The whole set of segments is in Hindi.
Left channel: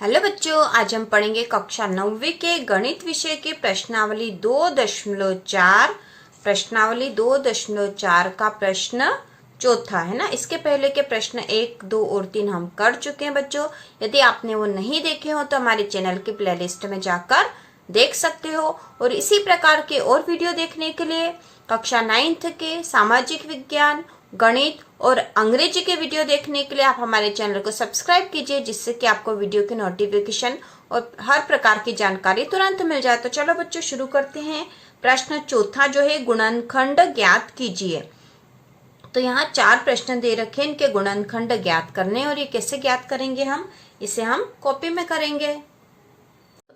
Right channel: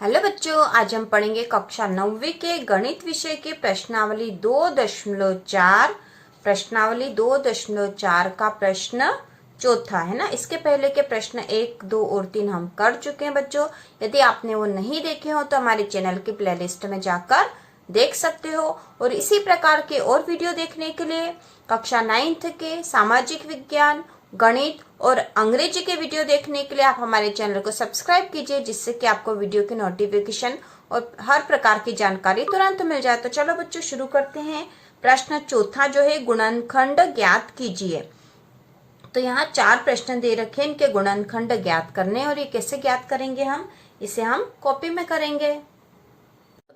हेलो बच्चों, आज हम पढ़ेंगे कक्षा 9वीं के गणित विषय की प्रश्नावली 2.4। प्रश्नावली 2.4 का प्रश्न चौथा है ना। इसके पहले के प्रश्न 1, 2 और 3 हम कर चुके हैं बच्चों। यदि आपने वो नहीं देखे हो तो हमारे चैनल की प्लेलिस्ट में जाकर देख सकते हो। और इसी प्रकार के और वीडियो देखने के लिए कक्षा 9th के सामाजिक विज्ञान, गणित और अंग्रेजी के वीडियो देखने के लिए आप हमारे चैनल को सब्सक्राइब कीजिए, जिससे कि आपको वीडियो की नोटिफिकेशन और हर प्रकार की जानकारी तुरंत मिल जाए। तो चलो बच्चों शुरू करते हैं। प्रश्न चौथा जो है, गुणनखंड ज्ञात कीजिए। तो यहाँ 4 प्रश्न दे रखे हैं, इनके गुणनखंड ज्ञात करने। और ये कैसे ज्ञात करेंगे इसे हम कॉपी में करेंगे।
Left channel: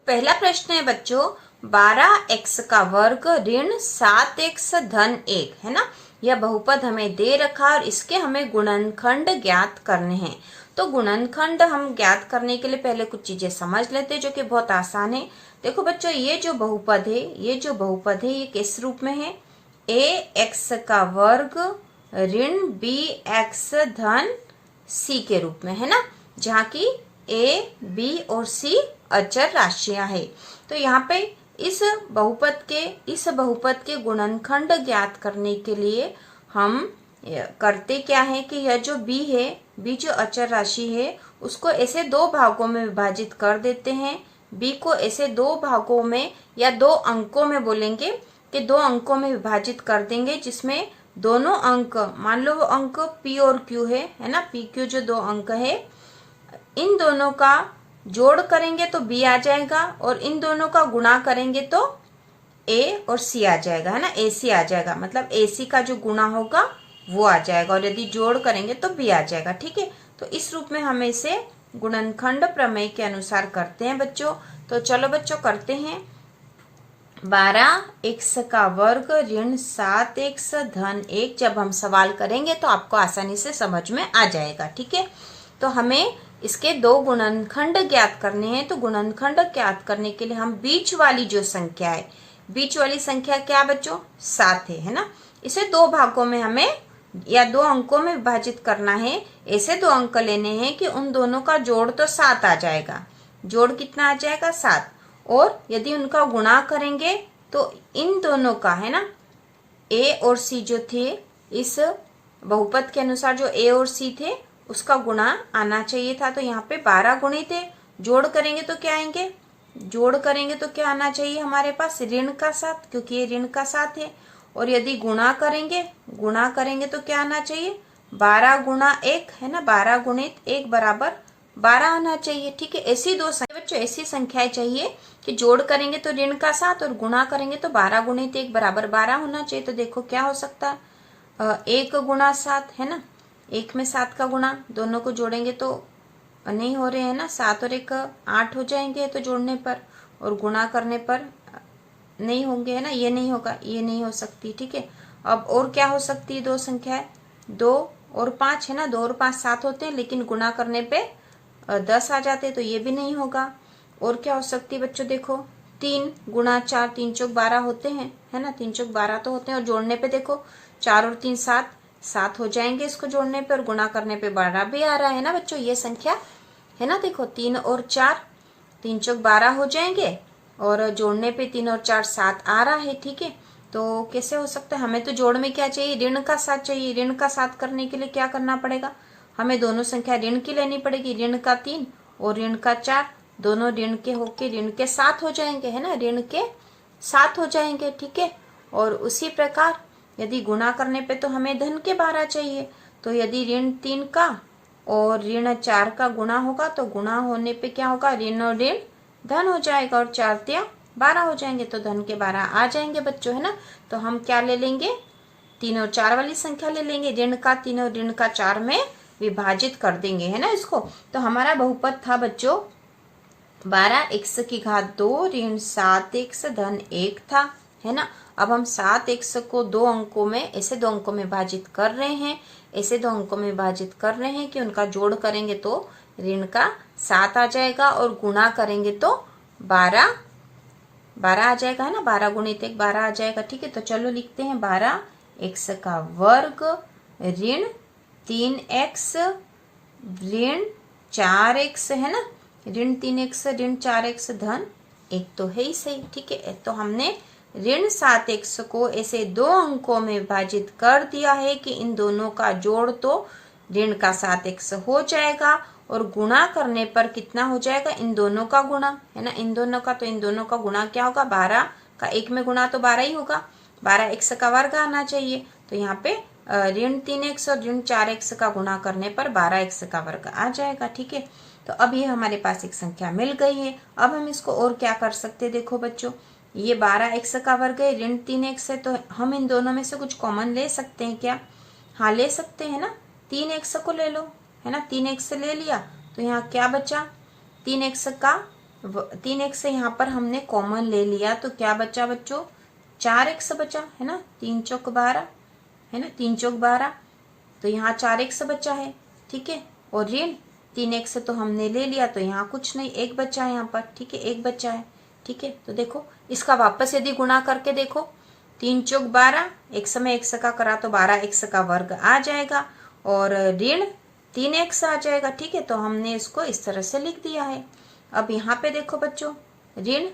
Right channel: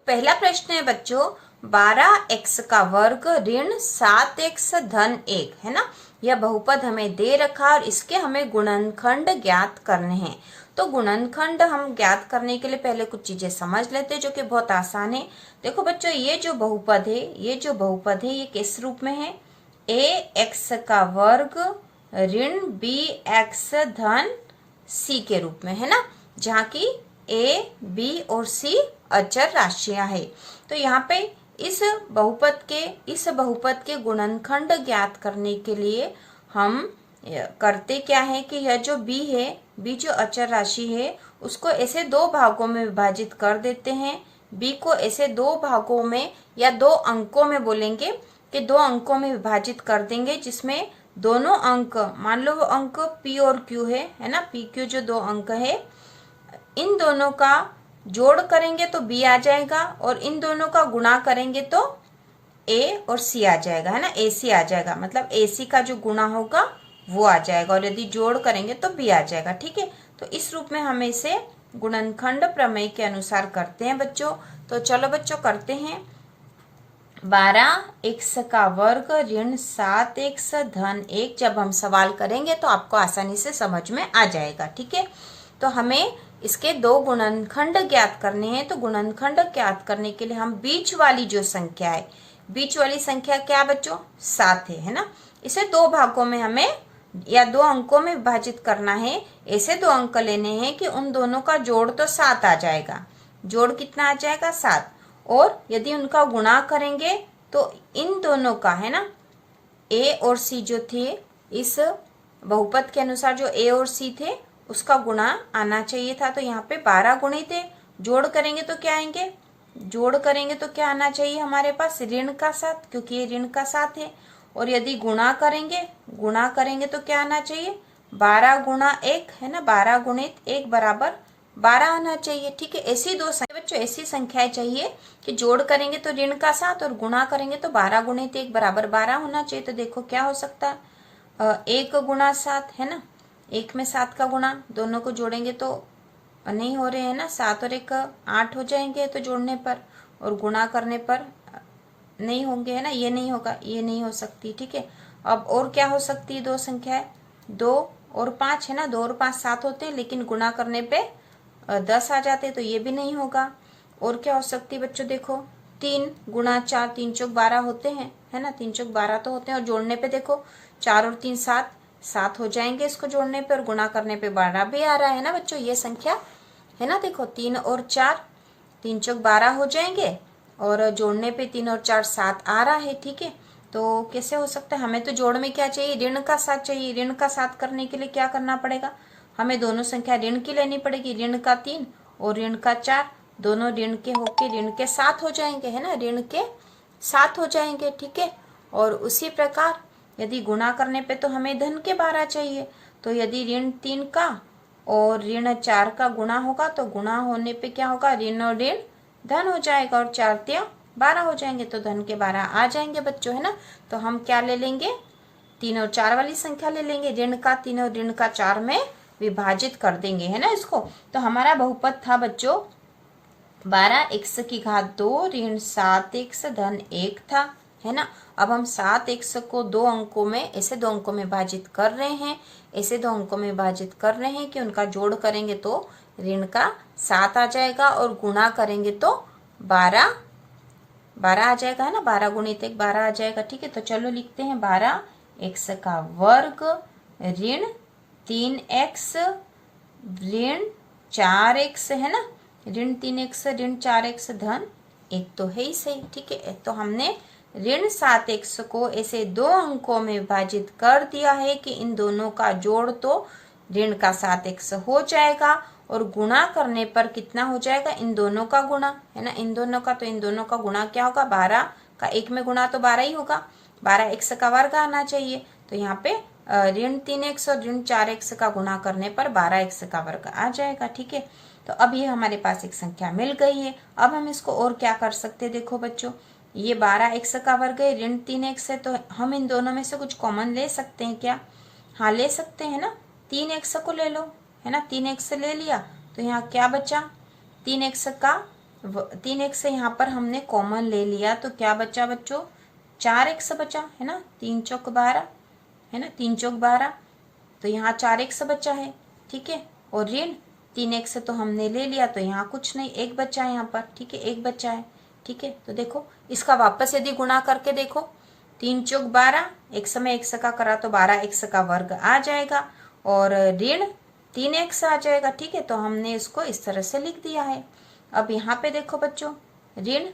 पहला प्रश्न है बच्चों, 12x का वर्ग ऋण 7x धन 1 है ना। यह बहुपद हमें दे रखा और इसके हमें गुणनखंड ज्ञात करने हैं। तो गुणनखंड हम ज्ञात करने के लिए पहले कुछ चीजें समझ लेते हैं, जो कि बहुत आसान है। देखो बच्चों, ये जो बहुपद है ये किस रूप में है? ax का वर्ग ऋण bx धन c के रूप में है ना, जहाँ की a, b और c अचर राशियां है। तो यहाँ पे इस बहुपद के गुणनखंड ज्ञात करने के लिए हम करते क्या है कि यह जो b है, b जो अचर राशि है, उसको ऐसे 2 भागों में विभाजित कर देते हैं। b को ऐसे 2 भागों में या 2 अंकों में बोलेंगे कि 2 अंकों में विभाजित कर देंगे, जिसमें दोनों अंक, मान लो वो अंक p और q है ना। p q जो 2 अंक है, इन दोनों का जोड़ करेंगे तो b आ जाएगा, और इन दोनों का गुणा करेंगे तो a और c आ जाएगा है ना। ac आ जाएगा, मतलब ac का जो गुणा होगा वो आ जाएगा, और यदि जोड़ करेंगे तो b आ जाएगा। ठीक है, तो इस रूप में हम इसे गुणनखंड प्रमेय के अनुसार करते हैं बच्चों। तो चलो बच्चों करते हैं। 12x का वर्ग ऋण 7x धन 1 जब हम सवाल करेंगे तो आपको आसानी से समझ में आ जाएगा। ठीक है, तो हमें इसके 2 गुणनखंड ज्ञात करने हैं। तो गुणनखंड ज्ञात करने के लिए हम बीच वाली जो संख्या है, बीच वाली संख्या क्या बच्चों? 7 है ना। इसे 2 भागों में हमें या 2 अंकों में विभाजित करना है। ऐसे 2 अंक लेने हैं कि उन दोनों का जोड़ तो 7 आ जाएगा। जोड़ कितना आ जाएगा? 7। और यदि उनका गुणा करेंगे तो इन दोनों का है ना, a और c जो थे, इस बहुपद के अनुसार जो a और c थे उसका गुणा आना चाहिए था। तो यहाँ पे 12 गुणित है, जोड़ करेंगे तो क्या आएंगे? जोड़ करेंगे तो क्या आना चाहिए हमारे पास? ऋण का 7, क्योंकि ये ऋण का 7 है। और यदि गुणा करेंगे तो क्या आना चाहिए? 12 गुणा 1 है ना, 12 गुणित 1 बराबर 12 आना चाहिए। ठीक है, ऐसी 2 संख्या बच्चों, ऐसी संख्याएं चाहिए कि जोड़ करेंगे तो ऋण का 7 और गुणा करेंगे तो 12 गुणित 1 बराबर 12 होना चाहिए। तो देखो क्या हो सकता है, 1 गुणा 7 है ना, 1 में 7 का गुणा, दोनों को जोड़ेंगे तो नहीं हो रहे हैं ना, 7 और 1 8 हो जाएंगे तो जोड़ने पर, और गुणा करने पर नहीं होंगे है ना, ये नहीं होगा, ये नहीं हो सकती। ठीक है, अब और क्या हो सकती है? 2 संख्याएं, 2 और 5 है ना, 2 और 5 7 होते हैं, लेकिन गुणा करने पे 10 आ जाते हैं, तो ये भी नहीं होगा। और क्या हो सकती है बच्चों? देखो 3 गुणा 4, 3 चौक 12 होते हैं है ना, 3 चौक 12 तो होते हैं। और जोड़ने पे देखो 4 और 3 7 हो जाएंगे इसको जोड़ने पे, और गुणा करने पे 12 भी आ रहा है ना बच्चों, ये संख्या है ना। देखो 3 और 4, 3 चौक 12 हो जाएंगे, और जोड़ने पे 3 और 4 7 आ रहा है। ठीक है, तो कैसे हो सकता है? हमें तो जोड़ में क्या चाहिए? ऋण का 7 चाहिए। ऋण का 7 करने के लिए क्या करना पड़ेगा? हमें दोनों संख्या ऋण की लेनी पड़ेगी। ऋण का 3 और ऋण का 4, दोनों ऋण के होके ऋण के 7 हो जाएंगे है ना, ऋण के 7 हो जाएंगे। ठीक है, और उसी प्रकार यदि गुणा करने पे तो हमें धन के 12 चाहिए। तो यदि ऋण 3 का और ऋण 4 का गुणा होगा तो गुणा होने पे क्या होगा? ऋण और ऋण धन हो जाएगा, और 4 तिया 12 हो जाएंगे, तो धन के 12 आ जाएंगे बच्चों है ना। तो हम क्या ले लेंगे? 3 और 4 वाली संख्या ले लेंगे, ऋण का 3 और ऋण का 4 में विभाजित कर देंगे है ना इसको। तो हमारा बहुपद था बच्चों 12x की घात 2 ऋण 7x धन 1 था है ना। अब हम 7x को 2 अंकों में, ऐसे 2 अंकों में विभाजित कर रहे हैं, ऐसे 2 अंकों में विभाजित कर रहे हैं कि उनका जोड़ करेंगे तो ऋण का 7 आ जाएगा, और गुणा करेंगे तो 12 आ जाएगा है ना, 12 गुणित 1 12 आ जाएगा। ठीक है, तो चलो लिखते हैं 12x का वर्ग ऋण 3x ऋण 4x है ना, ऋण 3x ऋण 4x धन 1 तो है ही सही। ठीक है, तो हमने ऋण 7x को ऐसे दो अंकों में विभाजित कर दिया है कि इन दोनों का जोड़ तो ऋण का 7x हो जाएगा और गुणा करने पर कितना हो जाएगा, इन दोनों का गुणा, है ना, इन दोनों का, तो इन दोनों का गुणा क्या होगा, 12 का 1 में गुणा तो 12 ही होगा, 12x का वर्ग आना चाहिए। तो यहाँ पे ऋण 3x और ऋण 4x का गुणा करने पर 12x का वर्ग आ जाएगा। ठीक है, तो अब ये हमारे पास एक संख्या मिल गई है। अब हम इसको और क्या कर सकते हैं, देखो बच्चों, ये 12x का वर्ग है, ऋण 3x है, तो हम इन दोनों में से कुछ कॉमन ले सकते हैं क्या? हाँ, ले सकते हैं ना, 3x को ले लो, है ना, 3x ले लिया तो यहाँ क्या बचा, 3x से यहाँ पर हमने कॉमन ले लिया तो क्या बचा बच्चों, 4x बचा, है ना, 3 चौक 12, है ना, 3 चौक 12, तो यहाँ 4x बचा है। ठीक है, और ऋण 3x तो हमने ले लिया तो यहाँ कुछ नहीं, 1 बचा है यहाँ पर। ठीक है, 1 बचा है। ठीक है, तो देखो इसका वापस यदि गुणा करके देखो, 3 चौक 12, एक समय x का करा तो 12x का वर्ग आ जाएगा और ऋण 3x आ जाएगा। ठीक है, तो हमने इसको इस तरह से लिख दिया है। अब यहाँ पे देखो बच्चों, ऋण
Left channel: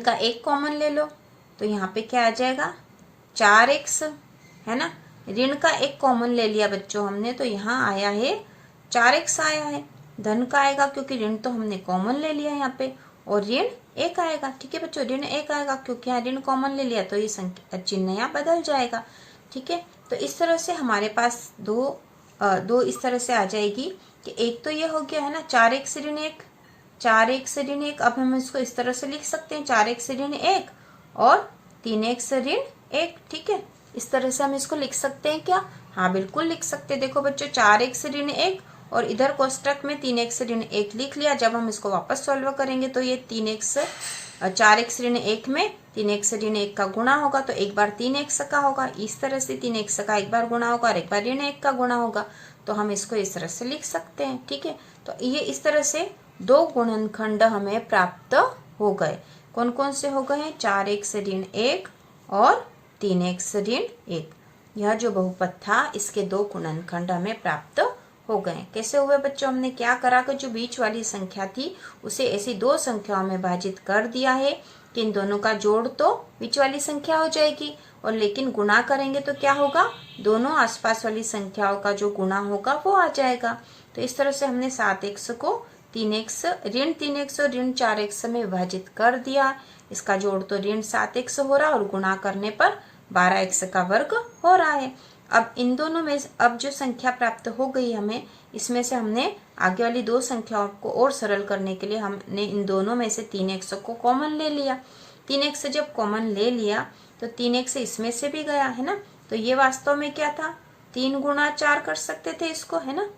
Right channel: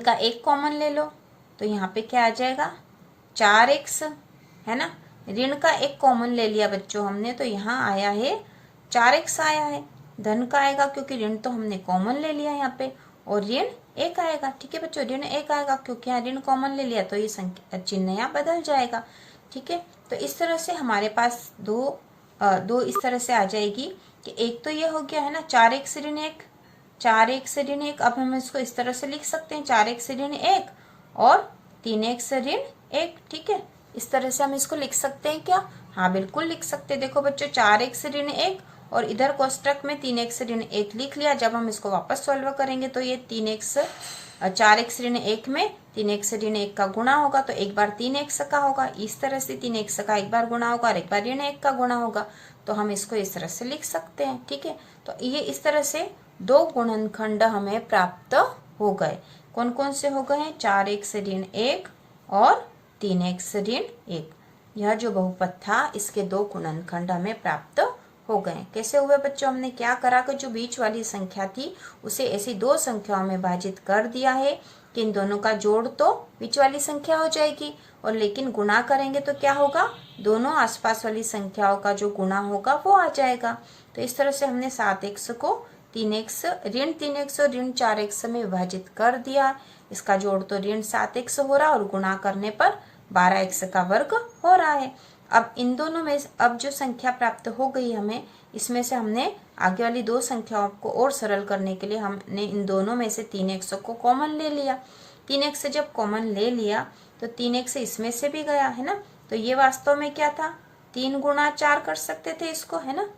का 1 कॉमन ले लो तो यहाँ पे क्या आ जाएगा, 4x, है ना, ऋण का 1 कॉमन ले लिया बच्चों हमने तो यहाँ आया है 4x आया है। धन का आएगा क्योंकि ऋण तो हमने कॉमन ले लिया यहाँ पे, और ऋण 1 आएगा। ठीक है बच्चों, ऋण 1 आएगा क्योंकि यहाँ ऋण कॉमन ले लिया तो ये संख्या चिन्ह यहाँ बदल जाएगा। ठीक है, तो इस तरह से हमारे पास दो इस तरह से आ जाएगी कि एक तो ये हो गया, है ना, 4x ऋण 1, 4x ऋण 1। अब हम इसको इस तरह से लिख सकते हैं, 4x ऋण 1 और 3x ऋण 1। ठीक है, इस तरह से हम इसको लिख सकते हैं क्या? हाँ, बिल्कुल लिख सकते हैं। देखो बच्चों, 4x ऋण 1 और इधर कोष्टक में 3x ऋण 1 लिख लिया। जब हम इसको वापस सॉल्व करेंगे तो ये 4x ऋण 1 में 3x ऋण 1 का गुणा होगा तो एक बार 3x का होगा, इस तरह से 3x का एक बार गुणा होगा और एक बार ऋण 1 का गुणा होगा, तो हम इसको इस तरह से लिख सकते हैं। ठीक है, तो ये इस तरह से दो गुणनखंड हमें प्राप्त हो गए। कौन कौन से हो गए हैं? 4x ऋण 1 और 3x ऋण 1। यह जो बहुपद था इसके दो गुणनखंड हमें प्राप्त हो गए। कैसे हुए बच्चों? हमने क्या करा कि जो बीच वाली संख्या थी उसे ऐसी दो संख्याओं में विभाजित कर दिया है कि इन दोनों का जोड़ तो बीच वाली संख्या हो जाएगी, और लेकिन गुणा करेंगे तो क्या होगा, दोनों आसपास वाली संख्याओं का जो गुणा होगा वो आ जाएगा। तो इस तरह से हमने 7x को 3x ऋण 3x और ऋण 4x में विभाजित कर दिया। इसका जोड़ तो ऋण 7x हो रहा और गुणा करने पर 12x का वर्ग हो रहा है। अब इन दोनों में अब जो संख्या प्राप्त हो गई हमें, इसमें से हमने आगे वाली दो संख्याओं को और सरल करने के लिए हमने इन दोनों में से 3x को कॉमन ले लिया। 3x जब कॉमन ले लिया तो 3x इसमें से भी गया, है ना, तो ये वास्तव में क्या था, 3 गुणा 4 कर सकते थे इसको, है ना।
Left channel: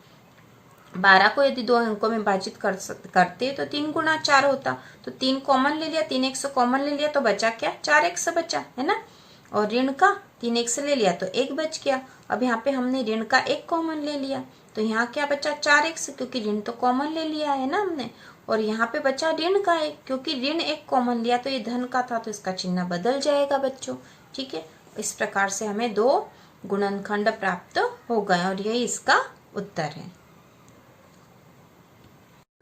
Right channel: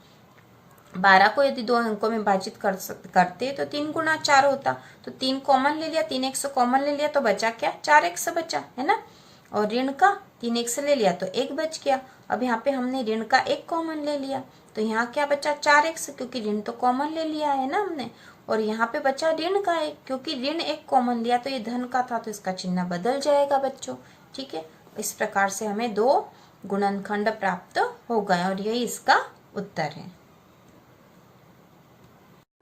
12 को यदि दो अंकों में विभाजित करते तो 3 गुणा 4 होता, तो 3 कॉमन ले लिया, 3x कॉमन ले लिया तो बचा क्या, 4x बचा, है ना, और ऋण का 3x ले लिया तो 1 बच गया। अब यहाँ पे हमने ऋण का 1 कॉमन ले लिया तो यहाँ क्या बचा, 4x, क्योंकि ऋण तो कॉमन ले लिया है ना हमने, और यहाँ पे बचा ऋण का 1, क्योंकि ऋण 1 कॉमन लिया तो ये धन का था तो इसका चिन्ह बदल जाएगा बच्चों। ठीक है, इस प्रकार से हमें दो गुणनखंड प्राप्त हो गए और यही इसका उत्तर है।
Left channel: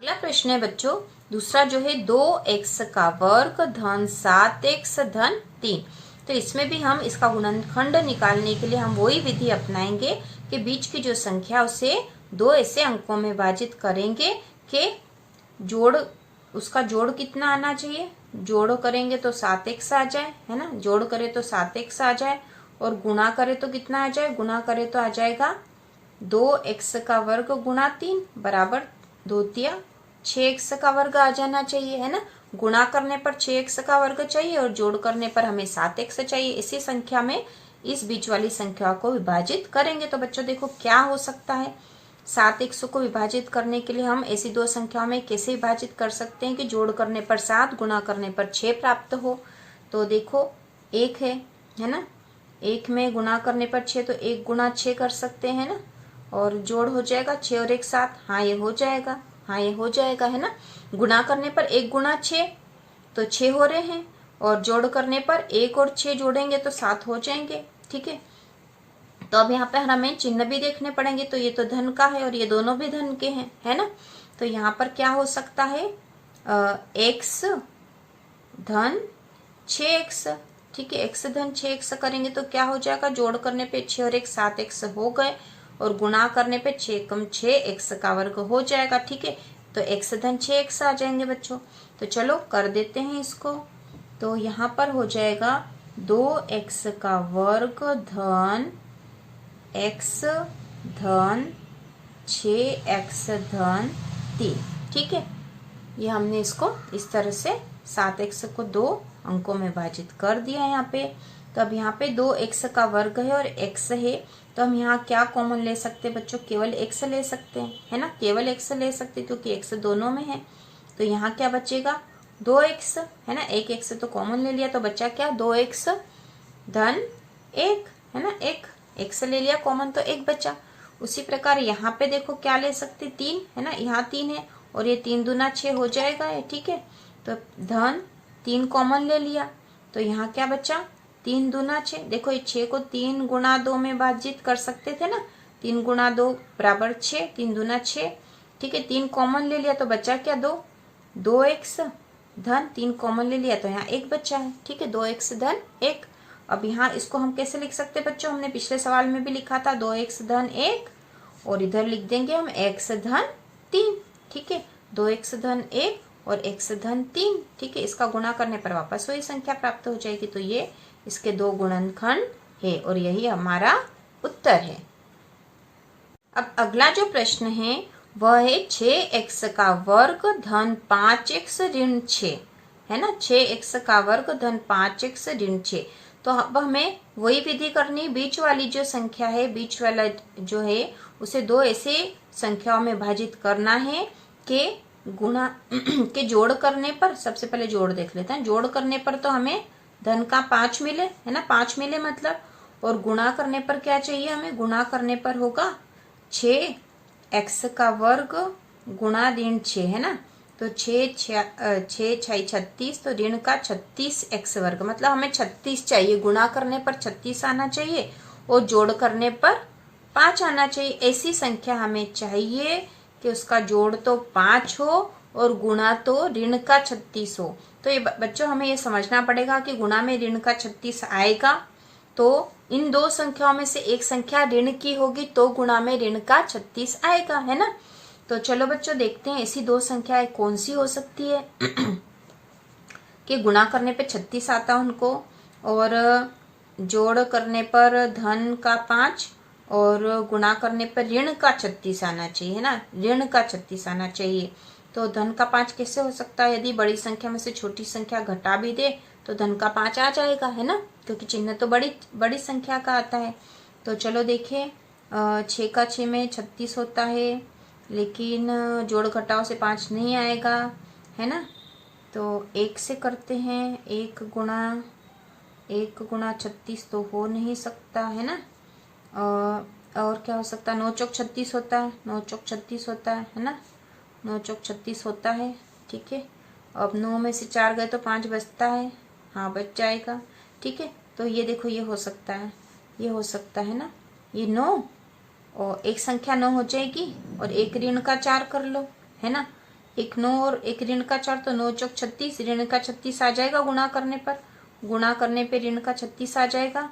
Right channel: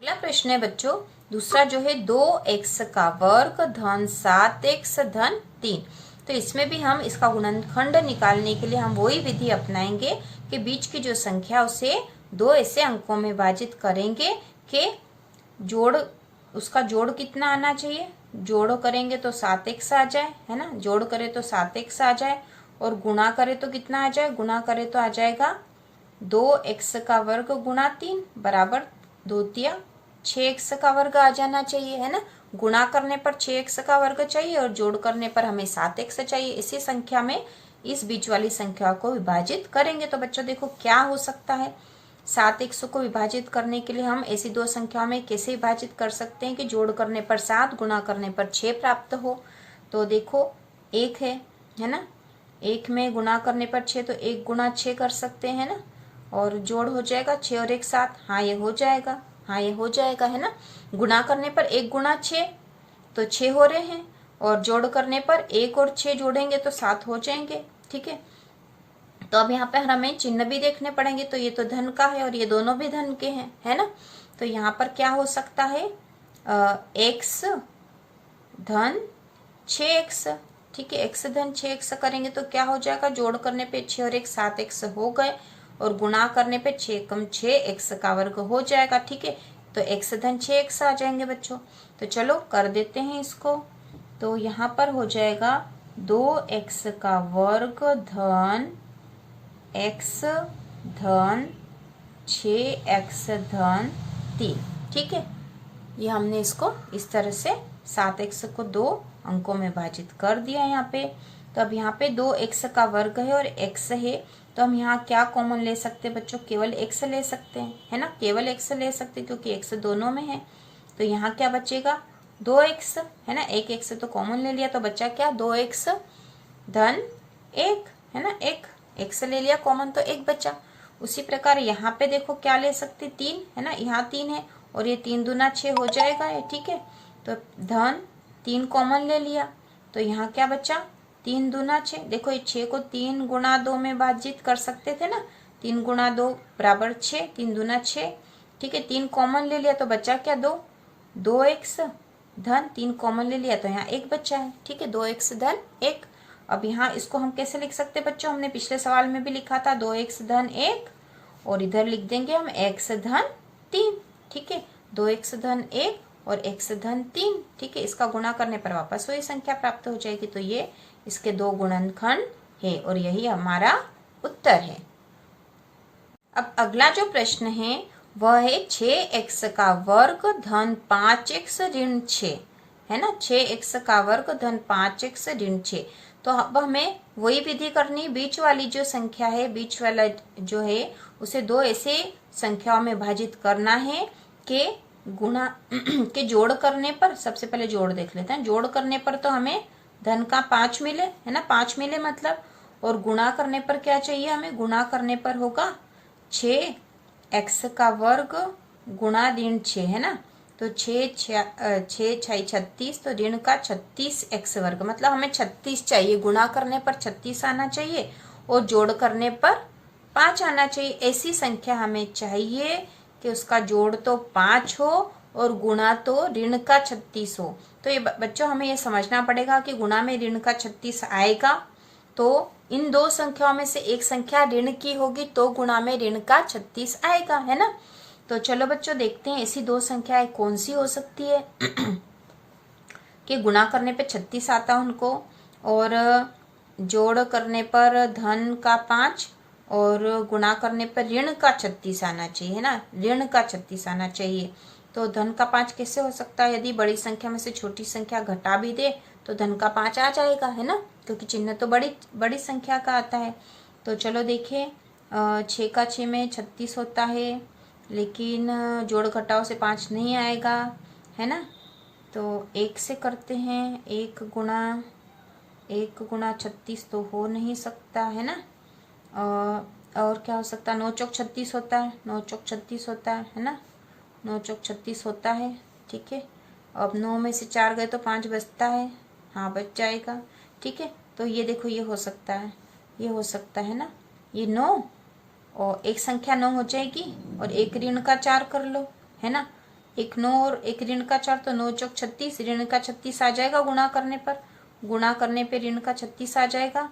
अगला प्रश्न है बच्चों, दूसरा जो है 2x का वर्ग धन 7x धन 3। तो इसमें भी हम इसका गुणनखंड निकालने के लिए हम वही विधि अपनाएंगे कि बीच की जो संख्या उसे दो ऐसे अंकों में विभाजित करेंगे कि उसका जोड़ कितना आना चाहिए, जोड़ करेंगे तो 7x आ जाए, है ना, जोड़ करे तो 7x आ जाए, और गुणा करे तो कितना आ जाए, गुणा करे तो आ जाएगा 2x का वर्ग गुणा 3 बराबर 2 तिया 6x का वर्ग आ जाना चाहिए, है ना। गुणा करने पर 6x का वर्ग चाहिए और जोड़ करने पर हमें 7x चाहिए। इसी संख्या में इस बीच वाली संख्या को विभाजित करेंगे तो बच्चों देखो क्या हो सकता है, 7x को विभाजित करने के लिए हम ऐसी दो संख्याओं में कैसे विभाजित कर सकते हैं कि जोड़ करने पर 7, गुणा करने पर 6 प्राप्त हो। तो देखो 1 है ना, 1 में गुणा करने पर 6 तो 1 गुणा 6 कर सकते हैं ना, और जोड़ हो जाएगा 6 और 1 7। हाँ ये हो जाएगा, हाँ ये हो जाएगा, है ना। गुणा करने पर 1 गुणा 6 तो 6 हो रहे हैं, और जोड़ करने पर 1 और 6 जोड़ेंगे तो 7 हो जाएंगे। ठीक है, तो अब यहाँ पे हमें चिन्ह भी देखने पड़ेंगे, तो ये तो धन का है और ये दोनों भी धन के हैं, है ना। तो यहाँ पर क्या हो सकता है, x धन 6x। ठीक है, x धन 6x करेंगे तो क्या हो जाएगा, जोड़ करने पे 6 और 1 7x हो गए, और गुणा करने पे 6 कम 6 x का वर्ग हो जाएगा। ठीक है, तो x धन 6x आ जाएंगे बच्चों। तो चलो कर देते हैं इसको। तो यहाँ पर हो जाएगा 2x का वर्ग धन x धन 6x धन 3। ठीक है, ये हमने इसको इस तरह से 7x को 2 अंकों में विभाजित कर दिया यहाँ पे। तो अब यहाँ पे 2x का वर्ग है और x है, तो हम यहाँ क्या कॉमन ले सकते हैं बच्चों, केवल x ले सकते हैं, है ना, केवल x ले सकते हैं क्योंकि x दोनों में है। तो यहाँ क्या बचेगा, 2x, है ना, एक x तो कॉमन ले लिया, तो बचा क्या, 2x धन 1, है ना, एक x ले लिया कॉमन तो 1 बचा। उसी प्रकार यहाँ पे देखो क्या ले सकते, 3, है ना, यहाँ 3 है और ये 3 दूना 6 हो जाएगा ये। ठीक है, तो धन 3 कॉमन ले लिया, तो यहाँ क्या बचा, 3 दूना 6। देखो ये 6 को 3 गुणा 2 में विभाजित कर सकते थे ना, 3 गुणा 2 बराबर 6, 3 दूना 6। ठीक है, 3 कॉमन ले लिया तो बचा क्या, 2x धन 3 कॉमन ले लिया तो यहाँ 1 बचा है। ठीक है, 2x धन 1। अब यहाँ इसको हम कैसे लिख सकते हैं बच्चों, हमने पिछले सवाल में भी लिखा था 2x धन 1, और इधर लिख देंगे हम x धन 3। ठीक है, 2x धन 1 और x धन 3। ठीक है, इसका गुणा करने पर वापस वही संख्या प्राप्त हो जाएगी। तो ये इसके 2 गुणनखंड है और यही हमारा उत्तर है। अब अगला जो प्रश्न है वह है 6x का वर्ग धन 5x ऋण 6, है ना, 6x का वर्ग धन 5x ऋण 6। तो अब हमें वही विधि करनी, बीच वाली जो संख्या है, बीच वाला जो है उसे 2 ऐसे संख्याओं में विभाजित करना है कि गुणा के जोड़ करने पर, सबसे पहले जोड़ देख लेते हैं, जोड़ करने पर तो हमें धन का 5 मिले, है ना, 5 मिले मतलब, और गुणा करने पर क्या चाहिए हमें, गुणा करने पर होगा 6x का वर्ग गुणा ऋण 6, है ना, तो 6 36, तो ऋण का 36x वर्ग, मतलब हमें 36 चाहिए, गुणा करने पर 36 आना चाहिए और जोड़ करने पर 5 आना चाहिए। ऐसी संख्या हमें चाहिए कि उसका जोड़ तो 5 हो और गुणा तो ऋण का 36 हो। तो ये बच्चों हमें ये समझना पड़ेगा कि गुणा में ऋण का 36 आएगा तो इन 2 संख्याओं में से एक संख्या ऋण की होगी, तो गुणा में ऋण का 36 आएगा, है ना। तो चलो बच्चों देखते हैं ऐसी 2 संख्याएं कौन सी हो सकती है कि गुणा करने पे 36 आता उनको और जोड़ करने पर धन का 5 और गुणा करने पर ऋण का 36 आना चाहिए, है ना, ऋण का 36 आना चाहिए। तो धन का 5 कैसे हो सकता है, यदि बड़ी संख्या में से छोटी संख्या घटा भी दे तो धन का 5 आ जाएगा, है ना, क्योंकि चिन्ह तो बड़ी संख्या का आता है। तो चलो देखिए 6 का 6 में 36 होता है, लेकिन जोड़ घटाव से 5 नहीं आएगा, है ना। तो 1 से करते हैं, 1 गुणा 36 तो हो नहीं सकता, है ना। और क्या हो सकता है, 9 चौक 36 होता है, 9 चौक 36 होता है ना, 9 चौक 36 होता है। ठीक है, अब 9 में से 4 गए तो 5 बचता है, हाँ बच जाएगा। ठीक है, तो ये देखो ये हो सकता है, ये हो सकता है ना, ये 9 और एक संख्या 9 हो जाएगी और एक ऋण का 4 कर लो, है ना, एक 9 और एक ऋण का 4, तो 9 चौक 36, ऋण का 36 आ जाएगा गुणा करने पे ऋण का 36 आ जाएगा।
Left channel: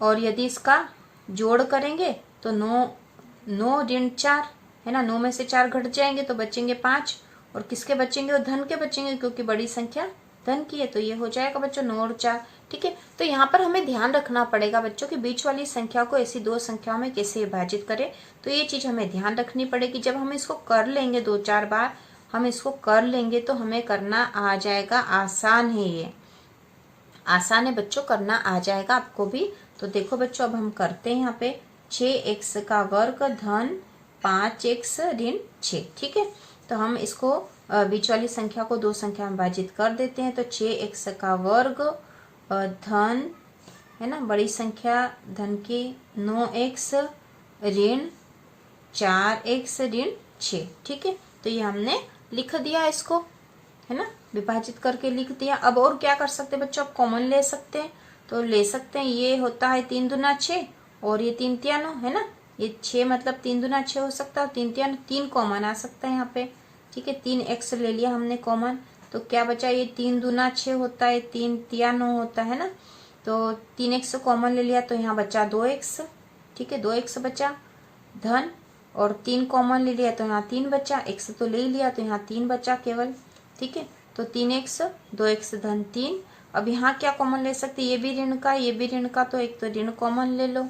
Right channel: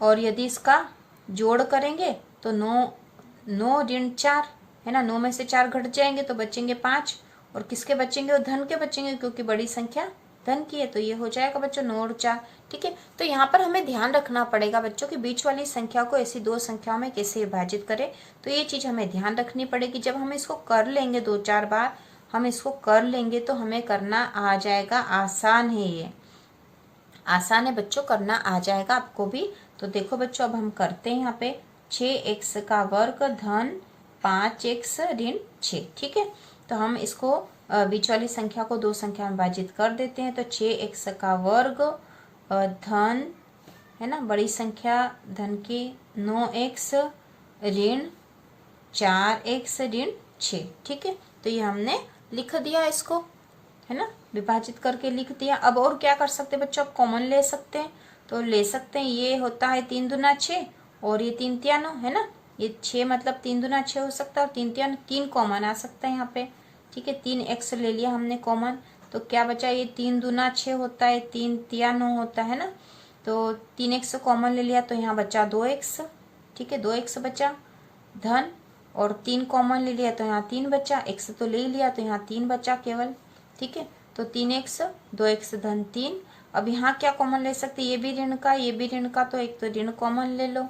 और यदि इसका जोड़ करेंगे तो 9 ऋण 4, है ना, 9 में से 4 घट जाएंगे तो बचेंगे 5, और किसके बचेंगे, और धन के बचेंगे क्योंकि बड़ी संख्या धन की है। तो ये हो जाएगा बच्चों 9 और 4। ठीक है, तो यहाँ पर हमें ध्यान रखना पड़ेगा बच्चों कि बीच वाली संख्या को ऐसी 2 संख्याओं में कैसे विभाजित करें। तो ये चीज हमें ध्यान रखनी पड़ेगी। जब हम इसको कर लेंगे 2-4 बार हम इसको कर लेंगे तो हमें करना आ जाएगा, आसान है, ये आसान है बच्चों, करना आ जाएगा आपको भी। तो देखो बच्चों अब हम करते हैं यहाँ पे 6x का वर्ग धन 5x ऋण 6। ठीक है, तो हम इसको बीच वाली संख्या को 2 संख्या में विभाजित कर देते हैं। तो 6x का वर्ग धन, है ना, बड़ी संख्या धन की 9x ऋण 4x ऋण 6। ठीक है, तो ये हमने लिख दिया इसको, है ना, विभाजित करके लिख दिया। अब और क्या कर सकते हैं बच्चों, आप कॉमन ले सकते हैं, तो ले सकते हैं, ये होता है 3 दूना 6 और ये 3 तिया 9, है ना, ये 6 मतलब 3 दूना 6 हो सकता है, 3 तिया 9, 3 कॉमन आ सकता है यहाँ पे। ठीक है। 3x ले लिया हमने कॉमन, तो क्या बचा, ये 3 दूना 6 होता है, 3 तिया 9 होता है ना। तो 3x कॉमन ले लिया तो यहाँ बचा 2x, ठीक है, 2x बचा धन, और 3 कॉमन ले लिया तो यहाँ 3 बचा, x तो ले लिया तो यहाँ 3 बचा केवल, ठीक है। तो 3x 2x धन 3। अब यहाँ क्या कॉमन ले सकते, ये भी ऋण का, ये भी ऋण का, तो एक तो ऋण कॉमन ले लो,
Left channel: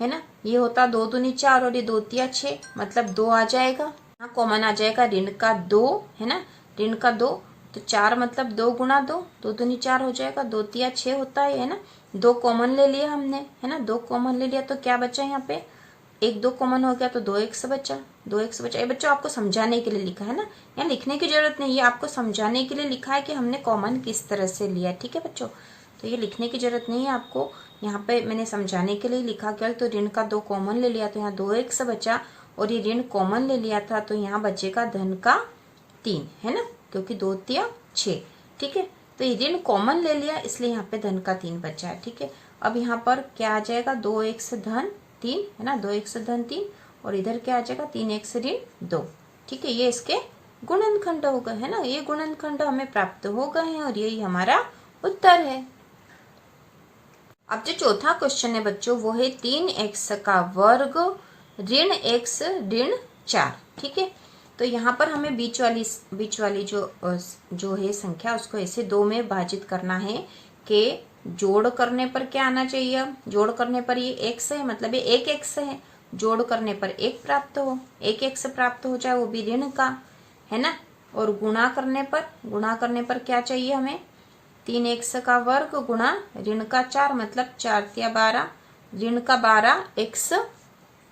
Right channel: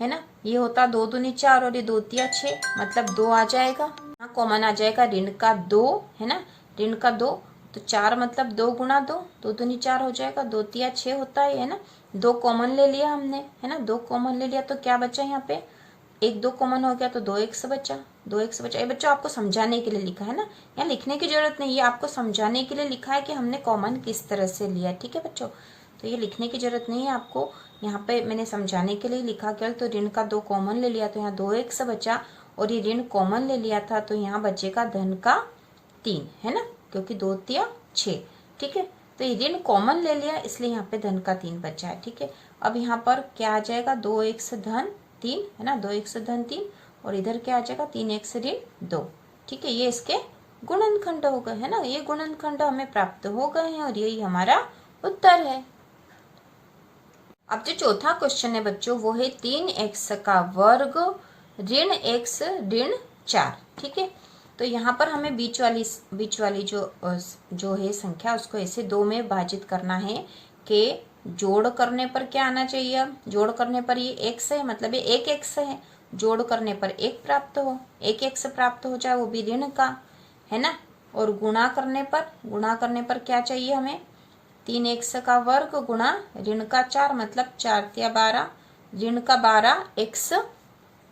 है ना। ये होता 2 दूनी 4 और ये 2 तिया 6, मतलब 2 आ जाएगा। यहाँ कॉमन आ जाएगा ऋण का 2, है ना, ऋण का 2, तो 4 मतलब 2 गुना 2, 2 दूनी 4 हो जाएगा, 2 तिया 6 होता है ना। 2 कॉमन ले लिया हमने, है ना, 2 कॉमन ले लिया तो क्या बचा यहाँ पे, 1 2 कॉमन हो गया तो 2x बचा, 2x बचा। ये बच्चों आपको समझाने के लिए लिखा है ना, यहाँ लिखने की जरूरत नहीं, ये आपको समझाने के लिए लिखा है कि हमने कॉमन किस तरह से लिया, ठीक है बच्चों। तो ये लिखने की जरूरत नहीं है आपको, यहाँ पे मैंने समझाने के लिए लिखा केवल। तो ऋण का 2 कॉमन ले लिया तो यहाँ 2x बचा, और ये ऋण कॉमन ले लिया था तो यहाँ बचेगा धन का 3, है ना, क्योंकि 2 तिया 6, ठीक है। तो ये ऋण कॉमन ले लिया इसलिए यहाँ पे धन का 3 बचा है, ठीक है। अब यहाँ पर क्या आ जाएगा, 2x धन 3, है ना, 2x धन 3, और इधर क्या आ जाएगा 3x ऋण 2, ठीक है। ये इसके गुणनखंड हो गए, है ना, ये गुणनखंड हमें प्राप्त हो गए हैं और यही हमारा उत्तर है। अब जो चौथा क्वेश्चन है बच्चों वो है 3x का वर्ग ऋण x ऋण 4, ठीक है। तो यहाँ पर हमें बीच वाली जो है संख्या उसको ऐसे 2 में विभाजित करना है कि जोड़ करने पर क्या आना चाहिए। अब जोड़ करने पर ये x है, मतलब ये 1x है, जोड़ करने पर 1 प्राप्त हो, 1x प्राप्त हो जाए, वो भी ऋण का, है ना। और गुणा करने पर क्या चाहिए हमें, 3x का वर्ग गुणा ऋण का 4, मतलब 4 तिया 12, ऋण का 12x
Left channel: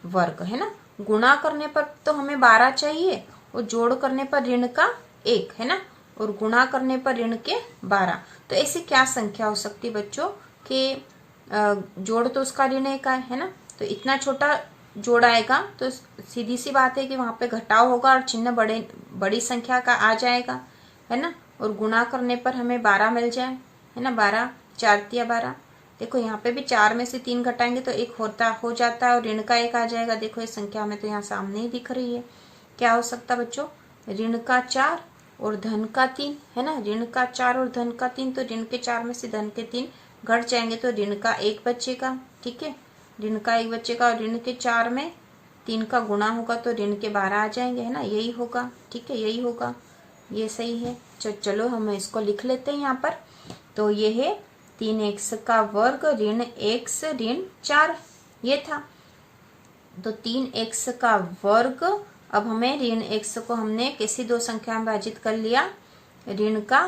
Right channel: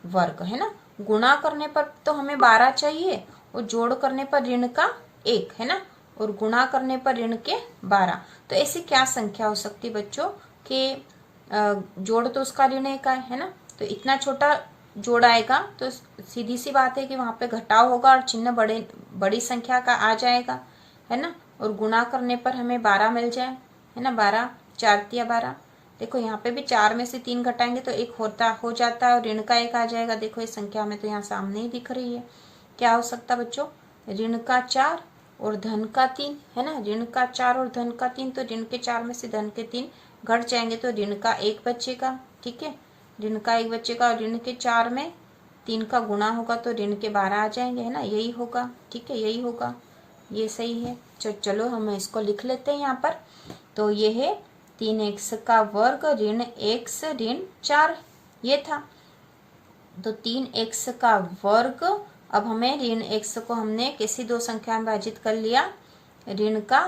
वर्ग, है ना। गुणा करने पर तो हमें 12 चाहिए, और जोड़ करने पर ऋण का 1, है ना, और गुणा करने पर ऋण के 12। तो ऐसी क्या संख्या हो सकती बच्चों कि जोड़ तो उसका ऋण 1 है ना, तो इतना छोटा जोड़ आएगा तो सीधी सी बात है कि वहां पे घटाव होगा और चिन्ह बड़ी संख्या का आ जाएगा, है ना। और गुणा करने पर हमें 12 मिल जाए, है ना, 12 4 तिया 12। देखो यहाँ पे भी 4 में से 3 घटाएंगे तो 1 हो जाता है, और ऋण का 1 आ जाएगा। देखो इस संख्या में तो यहाँ सामने ही दिख रही है, क्या हो सकता बच्चों, ऋण का 4 और धन का 3, है ना, ऋण का 4 और धन का 3, तो ऋण के 4 में से धन के 3 घट जाएंगे तो ऋण का 1 बचेगा, ठीक है, ऋण का 1 बचेगा, और ऋण के 4 में 3 का गुणा होगा तो ऋण के 12 आ जाएंगे, है ना, यही होगा, ठीक है, यही होगा, ये सही है। चलो हम इसको लिख लेते हैं यहाँ पर। तो ये है 3x का वर्ग ऋण x ऋण 4, ये था। तो 3x का वर्ग, अब हमें ऋण x को हमने किसी 2 संख्या में विभाजित कर लिया, ऋण का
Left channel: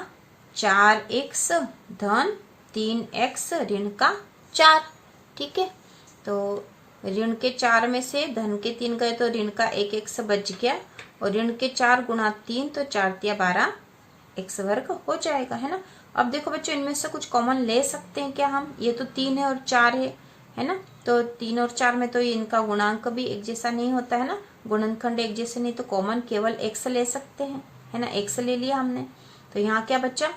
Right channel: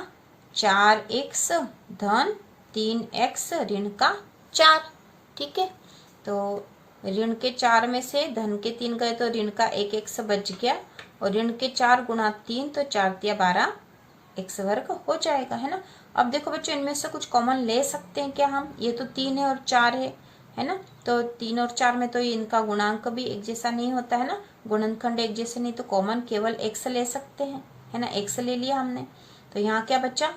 4x धन 3x ऋण का 4, ठीक है। तो ऋण के 4 में से धन के 3 गए तो ऋण का 1x बच गया, और ऋण के 4 गुणा 3 तो 4 तिया 12 x वर्ग हो जाएगा, है ना। अब देखो बच्चों इनमें से कुछ कॉमन ले सकते हैं क्या हम, ये तो 3 है और 4 है ना, तो 3 और 4 में तो इनका गुणांक भी एक जैसा नहीं होता है ना, गुणनखंड एक जैसे नहीं, तो कॉमन केवल x ले सकते हैं, है ना, x ले लिया हमने। तो यहाँ क्या बचा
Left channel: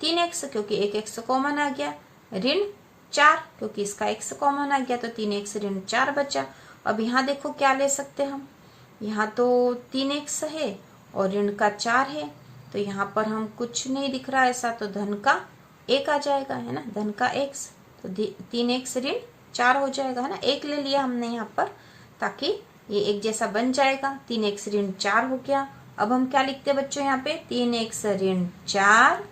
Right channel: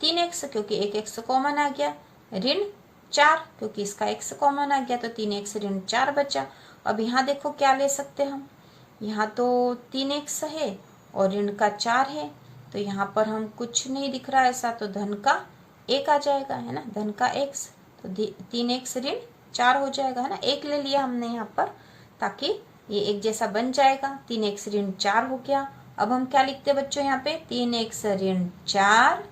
3x, क्योंकि 1x कॉमन आ गया, ऋण 4 क्योंकि इसका x कॉमन आ गया, तो 3x ऋण 4 बचा। अब यहाँ देखो क्या ले सकते हम, यहाँ तो 3x है और ऋण का 4 है, तो यहाँ पर हम कुछ नहीं दिख रहा ऐसा, तो धन का 1 आ जाएगा, है ना, धन का x, तो 3x ऋण 4 हो जाएगा, है ना। 1 ले लिया हमने यहाँ पर ताकि ये एक जैसा बन जाएगा, 3x ऋण 4 हो गया। अब हम क्या लिखते हैं बच्चों यहाँ पे, 3x ऋण 4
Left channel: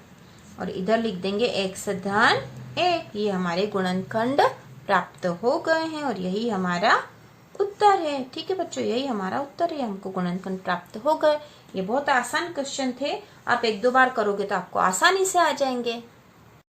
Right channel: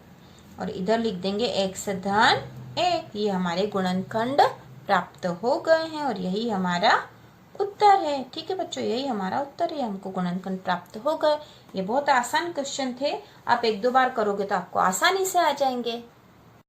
और इधर लिख देंगे x धन 1। ये हमारे गुणनखंड प्राप्त हो गए हैं और यही हमारा उत्तर है, ठीक है बच्चों, यही हमारा उत्तर है, हमको गुणनखंड प्राप्त हो गए। ये बहुत आसान क्वेश्चन थे, आप 1-2 बार करोगे तो आपको आसानी से आ जाएंगे।